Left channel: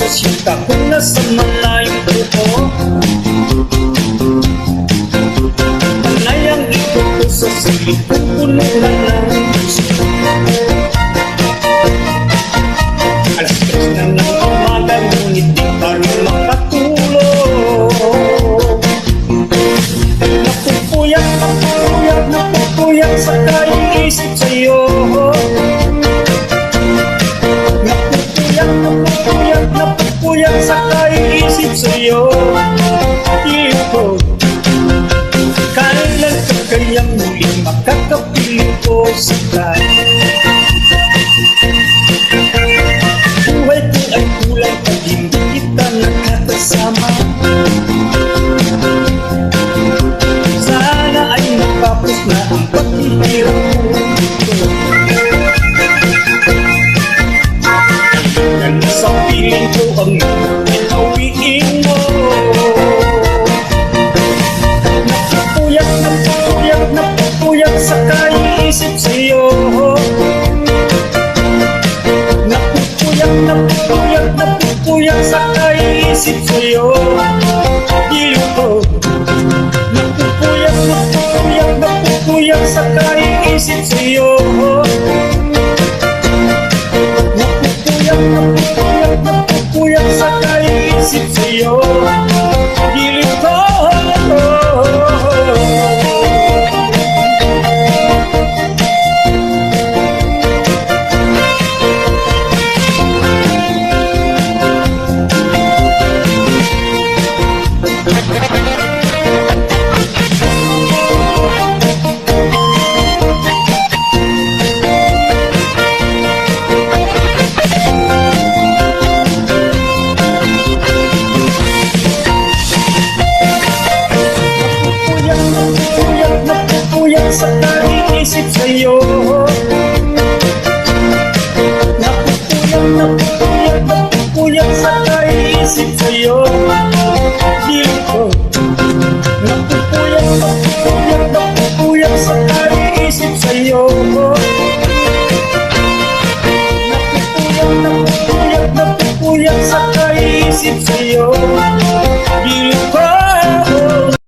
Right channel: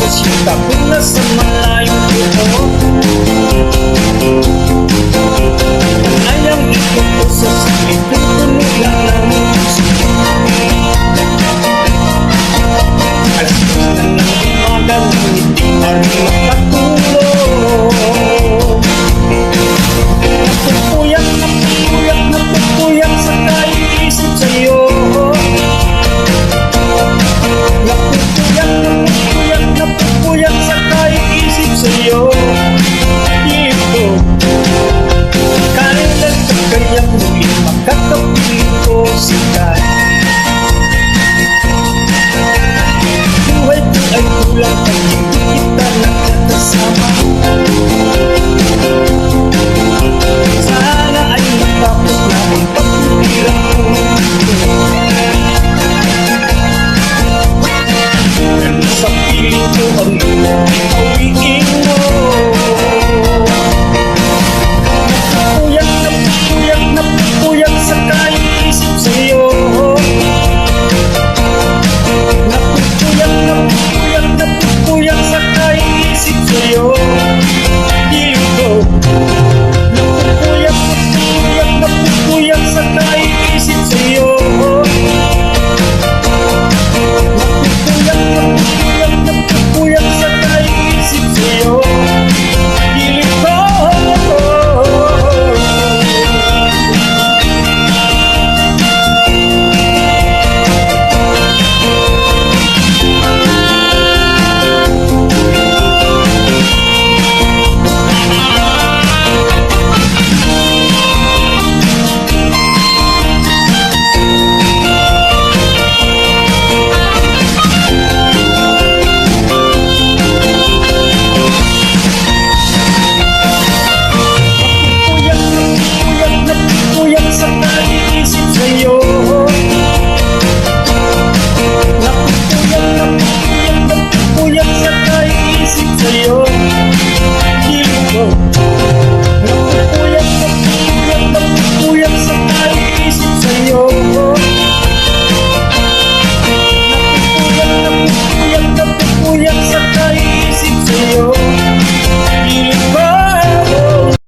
sa siyata kung nasa malayong buho. Panay ang ikot ko sa silid kung puno na ng puso. Alas 2 na ng umaga, ngunit di pa rin makatulog. Napupuyat, napupuyat, napupuyat sa kaiisip sa'yo. Napupuyat, napupuyat, napupuyat sa kaiisip sa'yo. Pilit ko, kailan ka kayang muling makakapiling ko sila? Buhay ko ay kulang pag hindi kita nakakasama. Sana ay natapos na ang paghihirap ko ito. Ano sa piling ko ang ay pawiin mo. Napupuyat, napupuyat, napupuyat sa kaiisip sa'yo. Napupuyat, napupuyat, napupuyat sa kaiisip sa'yo. Piling ko, napupuyat, napupuyat, napupuyat sa kaiisip sa'yo. Napupuyat, napupuyat, napupuyat sa kaiisip sa'yo. Piling ko, napupuyat, napupuyat sa kaiisip sa'yo. Napupuyat, napupuyat, napupuyat sa kaiisip sa'yo. Piling ko, napupuyat, napupuyat, napupuyat sa kaiisip sa'yo. Napupuyat, napupuyat, napupuyat sa kaiisip sa'yo. Piling ko,